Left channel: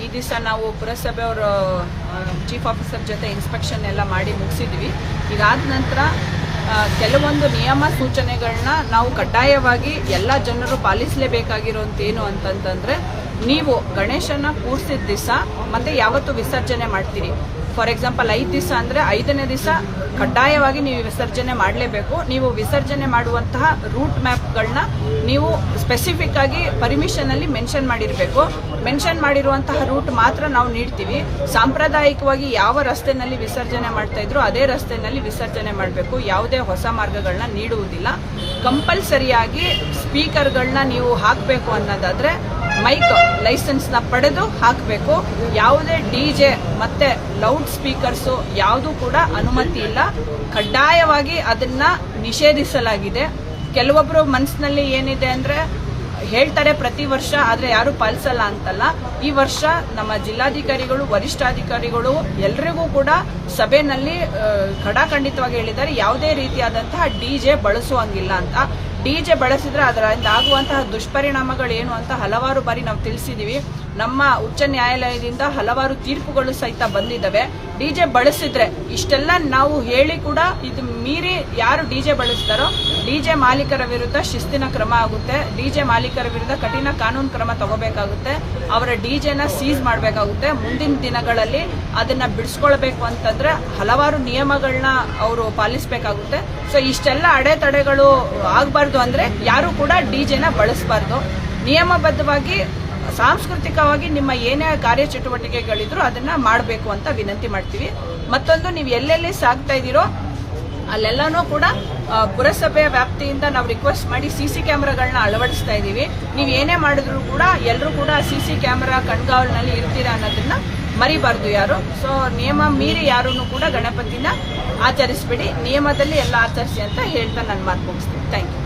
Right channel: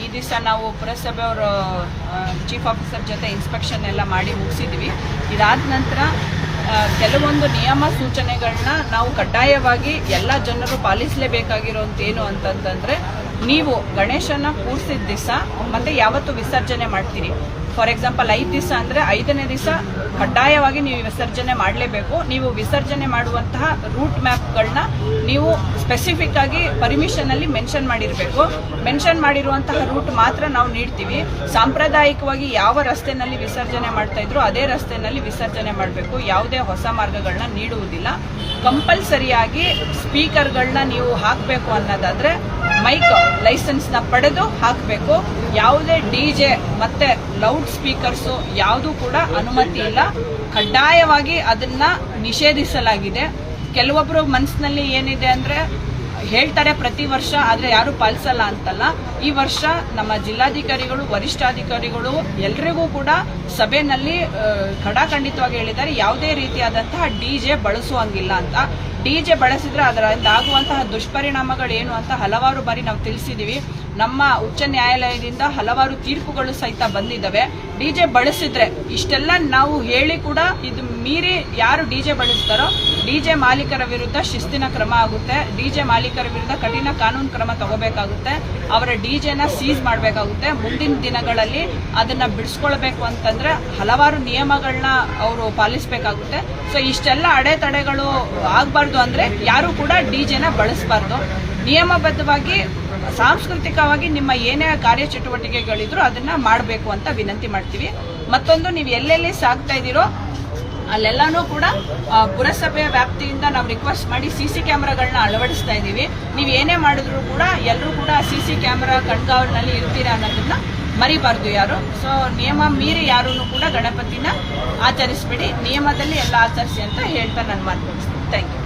ಈ ದಿವಸ ನಾವು ಪುರಸಭೆಯವರು ಚೀಫ್ ಆಫೀಸರ್ ಜೊತೆ ಇನ್ಸ್ಪೆಕ್ಷನ್ ಎಲ್ಲ ಮಾಡಿ ಮುಗಿಸಿದ್ವಿ. ಇದಾದ ನಂತರ ಕೆಲವೊಂದು ನಿಯಮ ಸೂಚನೆಗಳನ್ನ ನಾವು ಕಡ್ಡಾಯವಾಗಿ ಎಲ್ಲ ಜನರು ಪಾಲಿಸಲೇಬೇಕಾಗಿರೋಂತೇನು ಅಂತಂತಂದ್ರೆ, ನೀವು ಗಣೇಶನ ಕೂರ್ಸಿದ ದಿವಸ ಮತ್ತೆ ಯಾವತ್ತು ವಿಸರ್ಜನೆ ಮಾಡ್ತೀರಿ. ಫಾರ್ ಎಕ್ಸಾಂಪಲ್ ಐದು ದಿವಸ ಅಂದ್ರೆ ಐದನೇ ದಿವಸ ಕಡ್ಡಾಯವಾಗಿ ನೀವು ವಿಸರ್ಜನೆ ಮಾಡಲೇಬೇಕು. ನೀವು ವಿಸರ್ಜನೆ ಮಾಡುವಂತಹ ರೂಟ್ ಮ್ಯಾಪ್ಗಳನ್ನ ನೀವು ಸ್ಪೆಸಿಫಿಕ್ ಆಗಿ ಪರ್ಮಿಷನ್ ಅಲ್ಲಿ ಮೆನ್ಷನ್ ಮಾಡಿರಬೇಕು. ಮೆನ್ಷನ್ ಮಾಡಿರುವಂತಹ ರೂಟ್ ಮಾತ್ರ ನಾವು ನೀಡ್ತೀವಿ. ಸಾಂಪ್ರದಾಯಿಕವಾಗಿ ಯಾವ ರಸ್ತೆನಲ್ಲಿ ವಿಸರ್ಜನೆ ಮಾಡ್ತಾ ಇದ್ರು ಅದೇ ರಸ್ತೆನಲ್ಲಿ ವಿಸರ್ಜನೆ ಮಾಡಬೇಕು. ಯಾವುದೇ ಹೊಸ ಮಾರ್ಗಗಳನ್ನ ನೀಡುವುದಿಲ್ಲ. ಕಂಪಲ್ಸರಿಯಾಗಿ ಸ್ಪೀಕರ್ಗಳನ್ನ ನೀವು ಹಾಕಬೇಕು ಅನ್ನೋದಾದ್ರೆ ಮೈಕ್ ಲೈಸೆನ್ಸ್ನ ಪಡೆದು ಹಾಕಬೇಕು. ಯಾವುದೇ ಡಿಜೆ ಮತ್ತೆ ಲೌಡ್ ಸ್ಪೀಕರ್ಸ್ ಯಾವುದು ಕೂಡ ಅನುಮತಿ ಇಲ್ಲ. ಕಡ್ಡಾಯವಾಗಿ ಅದನ್ನ ನಿಷೇಧಿಸಲಾಗಿದೆ. ಕೆಲವೊಬ್ರು ಮನಸ್ಸಿನಲ್ಲಿ ಏನಿದೆ ಅಂದ್ರೆ ಹೇಳ್ತಾರೆ ಪ್ರತಿ ವರ್ಷ ಆದ್ರೆ ಯಾರು ಪಾಲಿಸಲ್ಲ ಅಂತಲ್ಲ. ಈ ವರ್ಷ ನಮ್ಮ ಜಿಲ್ಲಾಧಿಕಾರಿಗಳು ವರಿಷ್ಠಾಧಿಕಾರಿಗಳು ಎಲ್ರಿಗೂ ಕೂಡ ಸಭೆನಲ್ಲಿ ಆ, ಖಡಾಖಂಡಿತವಾಗಿ ಹೇಳಿದ್ದಾರೆ. ಯಾವುದೇ ರೀತಿಯಾದಂತಹ ಡಿಜೆ ಬಳಸುವಂಗಿಲ್ಲ ಅಂತ. ಡಿಜೆ ಬಳಸಿದ್ರೆ ಅದರಿಂದ ಆಗುವಂತಹ ದುಷ್ಪರಿಣಾಮಗಳು ಏನು ಅಂತ ಹಲವಾರು ಬಾರಿ ನಾವು ತಿಳಿಸಿದೀವಿ. ನಮ್ಮ ಉಚ್ಚ ನ್ಯಾಯಾಲಯದಿಂದ ಹಲವಾರು ತೀರ್ಪುಗಳು ಸಹಿತ ಬಂದಿದ್ದಾವೆ. ಡಿಜೆ ಬಳಸಿದ್ರೆ ಇಷ್ಟೆಲ್ಲ ನಾವು ಹೇಳಿ ಕೂಡ ಇದು ಮೀರಿ ಯಾರು ಡಿಜೆ ಬಳಸ್ತಾರೋ ಡಿಜೆ ಮಾಲೀಕರ ವಿರುದ್ಧ ಶಿಸ್ತಿನ ಕ್ರಮ ಆಗುತ್ತೆ. ಡಿಜೆ ಮಾಲೀಕರ ವಿರುದ್ಧ ಕಠಿಣ ಕಾನೂನು ಕ್ರಮ ತಗೋಬೇಕಾಗುತ್ತೆ. ಅವರ ಡಿಜೆನ ಸೀಸ್ ಮಾಡಬೇಕಾಗುತ್ತೆ. ಮುಂದಿನ ದಿನಗಳಲ್ಲಿ ಅದನ್ನ ಬಿಡಿಸ್ಕೊಳ್ಬೇಕು ಅಂತಂದ್ರೆ ಹಲವಾರು ನಿಯಮಗಳನ್ನ ಅವರು ಪಾಲಿಸಬೇಕಾಗುತ್ತೆ. ಸೊ ಇಷ್ಟೆಲ್ಲ ಅಡೆತಡೆಗಳು ಆಗಬಾರ್ದು ಅಂದ್ರೆ ಯಾರು ಕೂಡ ಡಿ ಜೆನ ಬಳಸಬಾರ್ದು. ನಿಯಮಬದ್ಧವಾಗಿ, ಸಾಂಸ್ಕೃತಿಕವಾಗಿ ನಿಮ್ಮ ಏನೇ ಕಾರ್ಯಚಟುವಟಿಕೆಗಳಿದ್ರು ಅದನ್ನ ಮಾಡಬೇಕು ಅಂತ ವಿನಂತಿ ಮಾಡ್ತೀವಿ. ಮತ್ತೊಂದು, ನೀವು ಎಲ್ಲೆಲ್ಲಿ ಸಾಗ್ತಾ ಇದ್ದೀರೋ ಅಲ್ಲೆಲ್ಲಾನು ಕೂಡ ಪುರಸಭೆಯ ವ್ಯಾಪ್ತಿಯಿಂದ ನಾವು ರಿಕ್ವೆಸ್ಟ್ ಮಾಡಿ ಸಿ ಸಿ ಕ್ಯಾಮ್ರಾಗಳನ್ನ ಅಳವಡಿಸ್ತಾ ಇದ್ದೀವಿ. ನೀವು ಏನೇ ಮಾಡಿದ್ರು ಕೂಡ ಎಲ್ಲರೂ ಕೂಡ ಸಿ ಸಿ ಕ್ಯಾಮ್ರಾ ಕಣ್ಗಾವಲಿನಲ್ಲಿ ಇರ್ತೀರಾ ಅನ್ನೋದನ್ನ ಮರಿಬಾರ್ದು ಯಾರು. ಸೊ ನಿಯಮ ಮೀರಿ ಯಾರೂ ಕೂಡ ಗಣಪತಿನ ಆಚರಿಸ್ಬಿಡಿ. ನಿಯಮದಲ್ಲಿ ಎಲ್ಲ ಆಚರಿಸಿ ಅಂತ ಹೇಳ್ತಾ ನಾನು ಮುಗಿಸ್ತೀನಿ. Thank you